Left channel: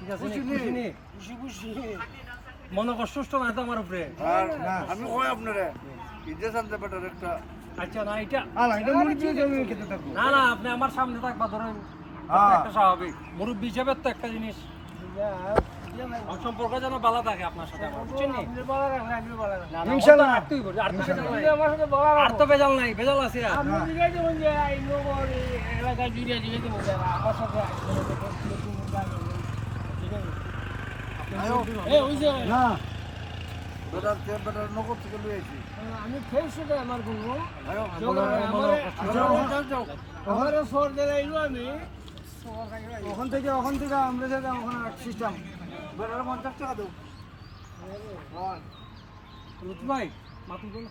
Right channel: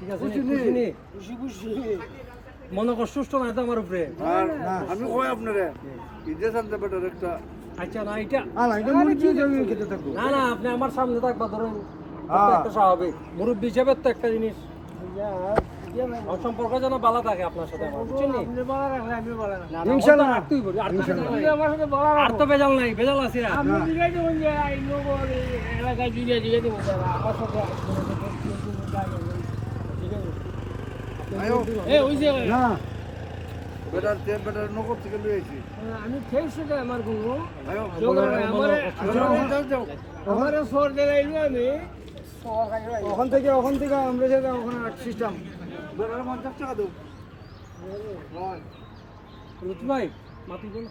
ঠিক আছে খুশি নি মনে কষ্ট না তো আমার উপরে আমি কই আপনারে ঈদের সামনে বেটার একটা আচ্ছা না এটা এটা মুরগি দিয়ে আমি খেতে থাকবো না না আপনি আমার সামনে থাকবা ধরেন একটা স্বাভাবিক মুরব্বী হিসেবে তো একটা জিনিস আমার সম্পর্ক যেন ভালো থাকে আপনার সাথে আমার, বুঝছেন নি? ইনশাআল্লাহ। আর তুই বলি, আর তো বেজাল নাই। আর তো বেজাল নাই, বেজাল আছে আর। না বেটার নগদ থেকে লই আইছি আমি খেয়েছি তো আমার গুলো আয়ো আমার সর দিলাইলো আমি ওখান থেকে আমরা থেকে ওখানে সিস্টেম বেটার 50 টাকা দাও লুৎফু ভাই মাতুই বলো